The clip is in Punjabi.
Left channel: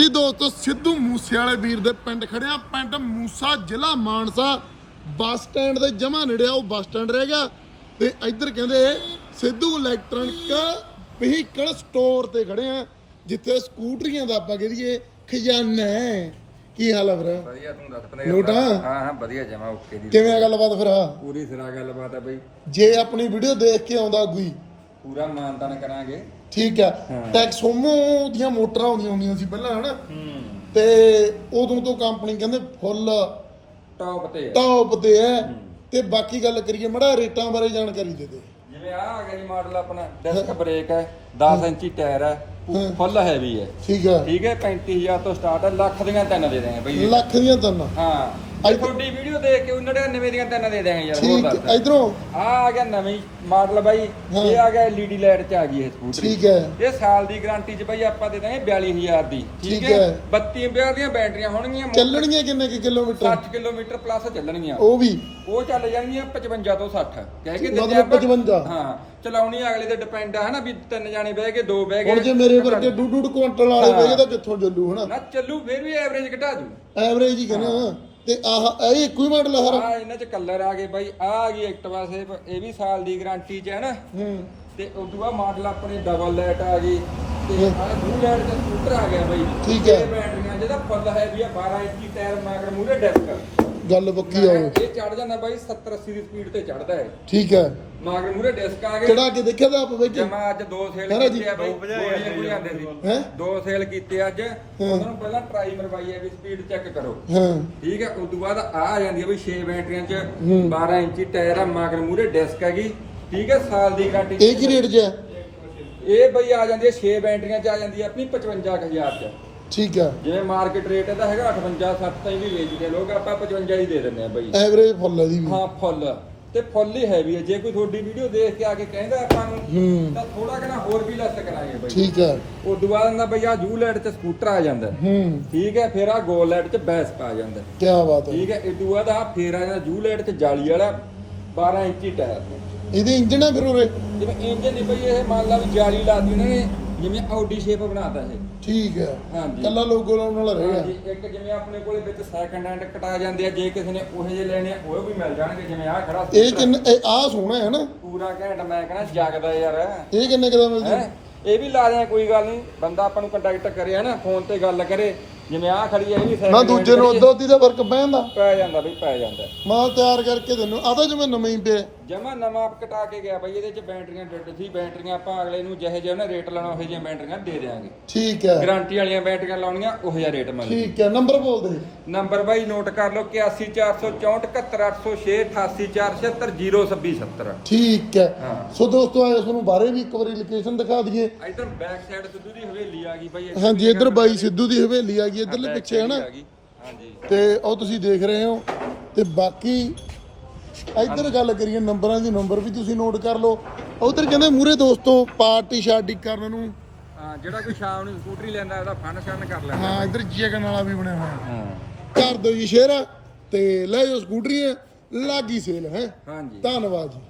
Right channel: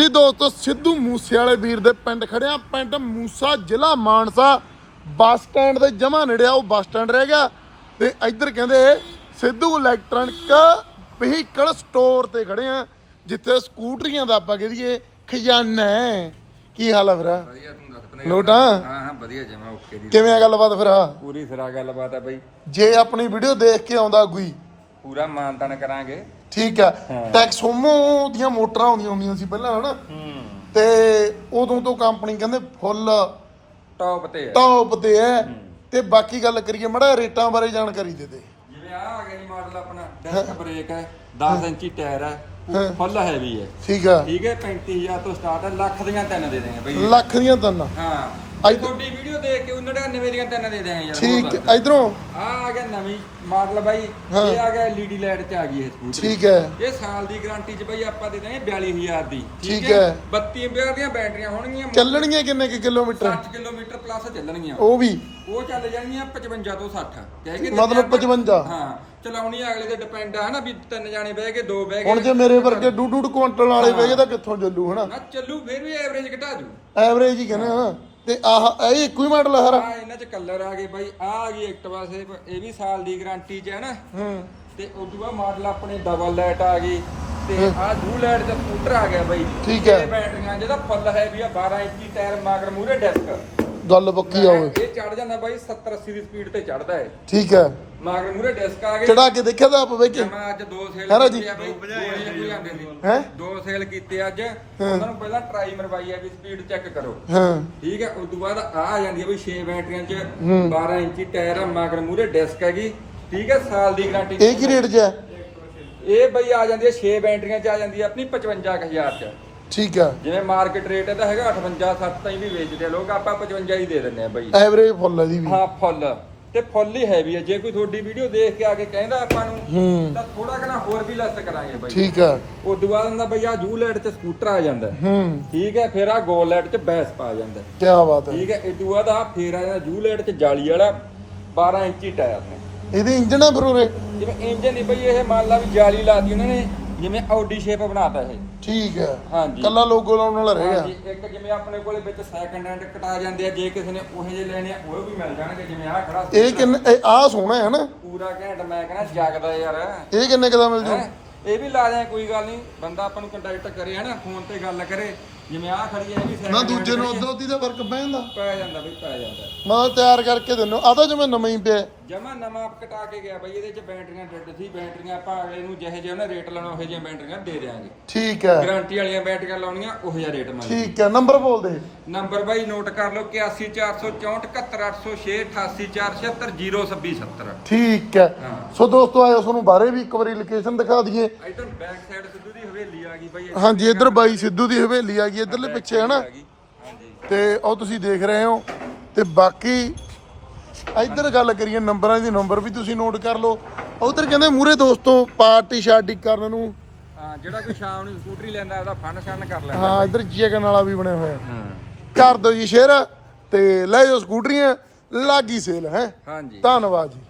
ਜੀ ਦੋਸਤੋ ਸਿੱਧੂ ਮੂਸੇ ਵਾਲੇ ਵੀਰ ਦੇ ਪਿੰਡ ਖੜਿਆ ਪਿੰਡ ਮੂਸਾ ਜ਼ਿਲ੍ਹਾ ਮਾਨਸਾ। ਬੱਸ ਸਟੈਂਡ ਦੇ ਜਮਾ ਨੇੜੇ ਆ ਉਹ ਬੱਸ ਸਟੈਂਡ ਰਹਿ ਗਿਆ। ਤੇ ਇੱਧਰ ਕਹਿੰਦੇ ਸਿੱਧੂ ਇਲੈਕਟ੍ਰੋਨਿਕ ਵਹੀਕਲ ਸਟੋਰ ਤੇ ਖੜੇ ਆ ਜਿੱਥੇ ਸਕੂਟਰੀਆਂ ਦਾ ਆਪਾਂ ਕਹੀਏ ਖਜ਼ਾਨਾ ਹੈ। ਕੀ ਹਾਲ ਹੈ ਵੀਰਾ? ਵਧੀਆ ਤੂੰ ਦੱਸ ਪਨੇ ਲੋਟ? ਹਾਂ ਹਾਂ ਵਧੀਆ ਜਮਾ ਓਕੇ ਦੀ। ਕਿਵੇਂ ਆ ਗੱਲਬਾਤ ਫਿਰ? ਪੂਰੀ ਸਿਰਾ ਗੱਲਬਾਤ ਆ ਬਈ। ਜੇ ਆਪਣੀ ਵੀਡੀਓ ਦੇਖ ਕੇ ਆਉਂਦਾ ਕੋਈ ਪੂਰਾ ਮਾਨਤਾਨ ਕਰਾਂਗੇ। ਠੀਕ ਆ ਟੈਕਸੋਮੋ ਦੀਆਂ ਮੋਟਰਾਂ ਆਉਂਦੀਆਂ ਹੁੰਦੀਆਂ ਸੀ ਪਹਿਲਾਂ ਹਨਾ? ਹੂੰ। ਤੇ ਉਦੋਂ ਤੋਂ ਕੰਪਨੀ ਕਹਿੰਦੇ ਫੁੱਲ ਟੌਪ ਤੇ ਆ। ਟੌਪ ਤੇ ਹੈ। ਤੇ ਬਾਕੀ ਗੱਲ ਕਰੀਏ ਮੜਾ ਰੇਟਾਂ ਬਾਰੇ ਜਾਣਕਾਰੀ ਦੇ ਦੇ। ਜਿਵੇਂ ਆ ਆ ਗਿਆ ਜੀ ਮਾਡਲ ਆਪਣਾ ਡਿਸਕ ਬ੍ਰੇਕ ਹੈ 10 ਇੰਚੀ ਟਾਇਰ ਹੈ ਹਾਂ। ਫੁੱਲ ਹੈਵੀ ਹੈ। ਠੀਕ ਆ ਠੀਕ ਹੈ 35000 ਤੋਂ ਸਟਾਰਟ ਹੈ ਲੱਖ ਦੀਆਂ ਤਿੰਨ ਦੇ ਦੇਂਗੇ ਬਈ। ਲੱਖ ਦੀਆਂ ਤਿੰਨ। ਹਾਂ। ਅੱਜ- ਅੱਜ ਤੁਹਾਡੀ ਵੀਡੀਓ ਦੇਖ ਕੇ 99 ਦੀਆਂ ਤਿੰਨ ਦੇ ਦੇਂਗੇ ਯਾਰ ਠੀਕ ਦੱਸ। ਇਧਰੋਂ? ਆ ਆ ਗਿਆ ਨਵੀਂ ਮਾਡਲ ਬਾਈ ਹਾਂ। ਇਹ ਆ ਗਿਆ LED ਲਾਈਟ ਚ ਆ ਗਈ ਇਹ। ਸਕੂਟਰੀ। ਠੀਕ ਹੈ। ਇਹ ਸਾਲ ਦੀ ਗਾਰੰਟੀ ਚ ਬਾਈ ਆਪਾਂ ਦੇ ਦਾਂਗੇ 42000 ਦੀ। ਠੀਕ ਹੈ। 32 ਰੁਪਏ ਦੀਆਂ ਬੈਟਰੀਆਂ ਹੋਣਗੀਆਂ ਚੱਲਣੀਆਂ ਕਿੰਨੇ ਕਿ ਕਿਲੋਮੀਟਰ? 60 kilometre plus ਚੱਲਣਗੀਆਂ। ਉਹ ਵੀ। ਉਹ ਚੱਲ ਜਾਣਗੀਆਂ 55 ਤੋਂ 60 ਕਹਿ ਕੇ ਮਤਲਬ ਦਿੱਤੇ ਆਪਾਂ- 55? ਹਾਂ ਚਲਾਉਣੀ ਅਗਲੇ ਤੇ ਡਿਪੈਂਡ ਆ ਹਨਾ ਵੀ ਤਿੰਨ ਜਾਣੇ ਬਹਿ ਕੇ ਦੋ ਬਹਿ ਗਏ। ਹੁਣ ਜੇ ਮੇਰੇ ਵਰਗੇ ਡੂ ਡੂ ਕੁਇੰਟਲ ਵਾਲੇ ਹਾਂ। ਵੇਗੇ ਤਾਂ ਕਿੱਥੋਂ ਚੱਲੂ ਹਨਾ? ਨਾ ਚੱਲੂ ਫਿਰ ਵੀ ਐਵਰੇਜ ਘਟਾ ਦੂ। ਐਵਰੇਜ ਹੀ ਕਹਿੰਦਾ ਤੇ ਆਹ ਇਹ ਇੱਕੋ ਹੀ ਮਾਡਲ ਆ ਇਹਨਾਂ ਚ ਕਲਰ ਆ ਗਏ ਬਾਈ ਆ ਆ ਗਈ ਐਕਟਿਵਾ ਸੇ ਇਹ ਵੀ ਸਾਲ ਦੀ ਗਾਰੰਟੀ ਚ ਹੈ ਨਾ। ਹੂੰ। ਤੇ ਉਦੋਂ ਬਾਅਦ ਮਾਡਲ ਆਪਣੇ ਡਬਲ ਲਾਈਟ ਆ ਗਈ ਤੇ ਆ ਦੂ ਲਾਈਟ ਦਾ ਸਕੂਟਰ ਆ ਗਿਆ ਬਾਈ। ਠੀਕ ਹੈ। ਇਹ ਬੈਟਰੀਆਂ ਜਿਹਦਾ ਫੁੱਲ ਹੈ ਵੀ ਆ 12 ਇੰਚੀ ਟਾਇਰ ਮਾਗਰ ਮੂਰੇ ਡਿਸਕ ਗੱਲ ਪੱਕੀ ਆ ਓਏ ਇਹ ਚੜ ਜਾਂਦਾ ਬਾਈ 70 80 ਦੀ ਸਪੀਡ ਤੇ ਚੜਦਾ ਹੈ ਠੀਕ ਹੈ। ਮਾਗਰ ਮੂਰੇ ਡਿਸਕ ਆ ਗਏ। ਚੜਾ ਕੇ ਦੇਖਿਆ ਤਾਂ ਆਪ ਵੇਖ ਜਮਾ ਅੱਜ ਦੋ ਸੇਲ ਹੈਨਾ ਜੀ? ਕੀਤੇ ਆ ਬਾਈ ਦੋ ਸੀ। ਹੈ? ਦੋ ਸੇਲ ਕੀਤੇ ਅੱਜ। ਉਹਨਾਂ ਨੂੰ ਪਹਿਲਾਂ ਟਰਾਈ ਮਰਵਾਈ ਆ ਵੀ ਸਪੀਡ ਚੈੱਕ ਕਰੋ। ਹਾਂ। ਠੀਕ ਹੈ ਉਸ ਤੋਂ ਬਾਅਦ ਆ ਆ ਜਾਂਦੀ ਹੈ ਬਈ 6 ਬੈਟਰੀਆਂ ਚ ਹੂੰ। 12 ਇੰਚੀ ਟਾਇਰ ਆ ਮਾਗਰ ਮੂਰੇ ਡਿਸਕ ਹੈਗੀ। ਠੀਕ ਹੈ ਸਾਲ ਦੀ ਗਾਰੰਟੀ ਇਹ ਕੀ ਰੇਟ 'ਚ ਹੈ? ਇਹ ਬਈ ਆ ਜਾਂਦੀ ਹੈ 6 ਬੈਟਰੀਆਂ ਚ ਆ ਜਾਂਦੀ ਹੈ ਆਪਣੀ 55000 ਚ। ਠੀਕ ਆ ਜਿਵੇਂ ਮਾਰਕੀਟ ਰੇਟ ਇਹਦਾ ਹੈਗਾ 58 7 ਤਾਈਂ ਵੀ ਵੇਚਦੇ ਆ। ਲੋਕ ਆਪਾਂ 55 ਹੀ ਦੇ ਦਿੰਦੇ ਆ ਬਈ। ਐਵਰੇਜ ਫੁੱਲ ਹੈ ਦੀ ਵੀ। ਹਾਂ ਫੁੱਲ। ਤੇ ਫੁੱਲ ਹੀ ਹੈਵੀ ਹੈ ਜੇ ਕੋਈ ਤੁਹਾਡੀ ਵੀਡੀਓ ਦੇਖ ਕੇ ਆ ਕੇ ਕਹਿੰਦਾ ਆਪਾਂ ਨੂੰ ਹੂੰ। ਤਾਂ ਥੋੜਾ ਕਨਾ ਹੋਰ ਵੀ ਲੈਸ ਕਰਾਂਗੇ ਬਾਈ। ਠੀਕ ਆ। ਉਹ ਦੁਬਾਰਾ ਦਾ ਬਈ ਆ ਜੂ ਲਾਈਟ ਤੇ ਸਕੂਟਰ ਆ ਜਾਂਦਾ। ਹੂੰ। ਠੀਕ ਹੈ ਫਿਰ ਆ ਗੋਲ ਲਾਈਟ ਚ ਬੈਸ ਪਾ ਜਾਂਦਾ। ਕੀ ਬਾਤ ਹੈ। ਠੀਕ ਹੈ ਇਹ ਦੁਆ ਦਾ ਫੇਰ ਆ ਜਾਂਦਾ ਜੂ ਲਾਈਟ ਚ ਜਾਲੀ ਵਾਲਾ 12 ਇੰਚੀ ਟਾਇਰ ਇਹਦੇ ਇੰਜਣ ਆ ਫਿਰ ਜਿਵੇਂ ਇੰਜਨ ਦੀ ਬਈ ਇਹ ਮੰਨ ਲਾ ਵੀ ਜਾਲੀ ਲਾਤੀ ਉਹਨਾਂ ਨੇ ਜਿਵੇਂ ਆਡੀ ਸ਼ੇਪ ਬਣਾਤਾ ਇਹ। ਠੀਕ ਹੈ। ਹਾਂਜੀ। ਕੱਲਾ ਲੋਗੋ ਲਾਉਣ ਵਾਲਾ ਰਹਿ ਗਿਆ ਹਾਂਜੀ, ਇੱਕ ਜਿਵੇਂ ਆਪਣੇ ਕੋਲੇ ਵਿੱਚ ਸੈਕੰਡ ਹੈਂਡ ਕਟਾ ਜਾਂਦੇ ਆ ਜੇ ਕਿਸੇ ਨੇ ਉਹੇ ਜਿਹੇ ਲੈਣੇ ਆ ਉਹ ਵੀ ਮਿਲ ਜਾਣਗੇ ਜਿਵੇਂ ਆ ਖੜਾ ਇਹ ਕਿੰਨੇ ਇਹ ਆਹ ਸੋਹਣਾ ਹੈ ਨਾ। ਪੂਰਾ ਘੈਂਟ ਮੈਂ ਕਹਿੰਦਾ ਜਗਦਾ ਯਾਰ। ਇਹ ਕਿੰਨੇ ਕਦਾ ਮਿਲ ਜੂ? ਹੈਂ? ਇਹ ਵੀ ਲਾ ਦਿਆਂ ਕੋਈ ਗੱਲ ਨਹੀਂ। ਬੰਦਾ ਆਪਾਂ ਨੂੰ ਕੰਟੈਕਟ ਕਰੇ ਹੈ ਨਾ ਫੋਨ ਤੇ ਗੱਲ ਕਰੇ। ਜਿਵੇਂ ਆ ਖੜੀ ਹੈ ਇਹ ਵੀ second ਨਾ hand ਦੂਜੇ ਨੂੰ ਖੜੀ ਅੱਧੀ ਦਾ ਫ਼ਰਕ ਪੈ ਜਾਂਦਾ। ਹੈ। ਪੈ ਜਾਂਦਾ ਬਈ ਪੈ ਜਾਂਦਾ। ਮਾਲ ਤਿਆਰ ਕਰਕੇ ਦਿੰਨੋ ਆ ਤਾਂ ਜਿਵੇਂ ਨਵਾਂ ਹੀ ਪਿਆ। ਜਮਾ ਨਵਾਂ ਕਟਾ ਕੇ ਗਿਆ ਬਈ ਇਹਦੇ ਚ ਬੈਟਰੀਆਂ ਡੱਡ ਸੀ ਬੈਟਰੀਆਂ ਆਪਾਂ ਅਗਲੇ ਨੂੰ ਜਿਹੇ ਜਿਹੇ ਉਹਨੇ ਰੇਟ ਲਾਉਣਾ ਉਹ ਜਿਹੀਆਂ ਬੈਟਰੀਆਂ ਦੇ ਦੇਾਂਗੇ ਠੀਕ ਹੈ। ਗਾਰੰਟੀ ਵਾਲੀਆਂ ਬੈਟਰੀਆਂ ਲਾਉਣੀਆਂ ਉਹ ਜਿਹਾ ਰੇਟ ਮੰਗ ਠੀਕ ਹੈ ਨੰਬਰ ਬੋਲ ਦੇ। ਨੰਬਰ ਬਾਈ ਨੋਟ ਕਰ ਲਓ 8144471806 88476 ਠੀਕ ਹੈ। ਹਾਂ। ਸੋ ਦੋਸਤੋ ਆਇਓ ਤੁਹਾਨੂੰ ਬਾਰੇ ਵੀ ਇੱਕ ਵਾਰੀ ਲੋਕੇਸ਼ਨ ਦਿਖਾ ਦਈਏ। ਇਧਰ ਬੈਕ ਸਾਈਡ ਸਿੱਧੂ ਦੀ ਹਵੇਲੀ ਆ ਗਈ ਬਾਈ ਹਾਂਜੀ ਇੱਧਰ ਬਾਈ ਸਿੱਧੂ ਦੀ ਹਵੇਲੀ ਆ ਗਈ ਇੱਧਰਲੇ ਪਿੱਛੇ ਹਨਾ ਆ ਗਈ। ਹਾਂਜੀ। ਤੇ ਉਹ ਤੁਸੀਂ ਦੇਖ ਰਹੇ ਹੋ ਤੇ ਬਾਕੀ ਇੱਧਰ ਗੱਲ ਕਰੀਏ ਨੰਬਰਾਂ ਦੀ ਨੰਬਰ ਵੀ ਤੁਸੀਂ ਨੋਟ ਕਰ ਲਓ। ਉਧਰ ਕਹਿੰਦੇ ਮੂਰੇ ਦੋਸਤੋ ਪਾਰਟੀ ਸ਼ਾਰਟੀ ਕਰਨ ਨੂੰ। ਹਾਂ ਜਿਹੜਾ ਕੋਈ ਸ਼ਾਮ ਨੂੰ ਸਕੂਟਰੀ ਲੈਂਦਾ ਉਹਦਾ ਫਨ ਸ਼ਨ ਕਰ ਲੈਂਦਾ। ਹਾਂ ਇੱਧਰ ਚਿਕਨ ਵਾਲਾ ਵੀ ਬਣਿਆ ਹੋਇਆ ਹਾਂ। ਕਰ ਦਿਓ ਜੀ ਸ਼ੇਅਰ ਤੇ ਲੈ ਜਾਓ ਸਕੂਟਰੀਆਂ ਲਾਗੀ ਸੇਲ ਹੈ। ਹਾਂਜੀ। ਧੰਨਵਾਦ ਜੀ।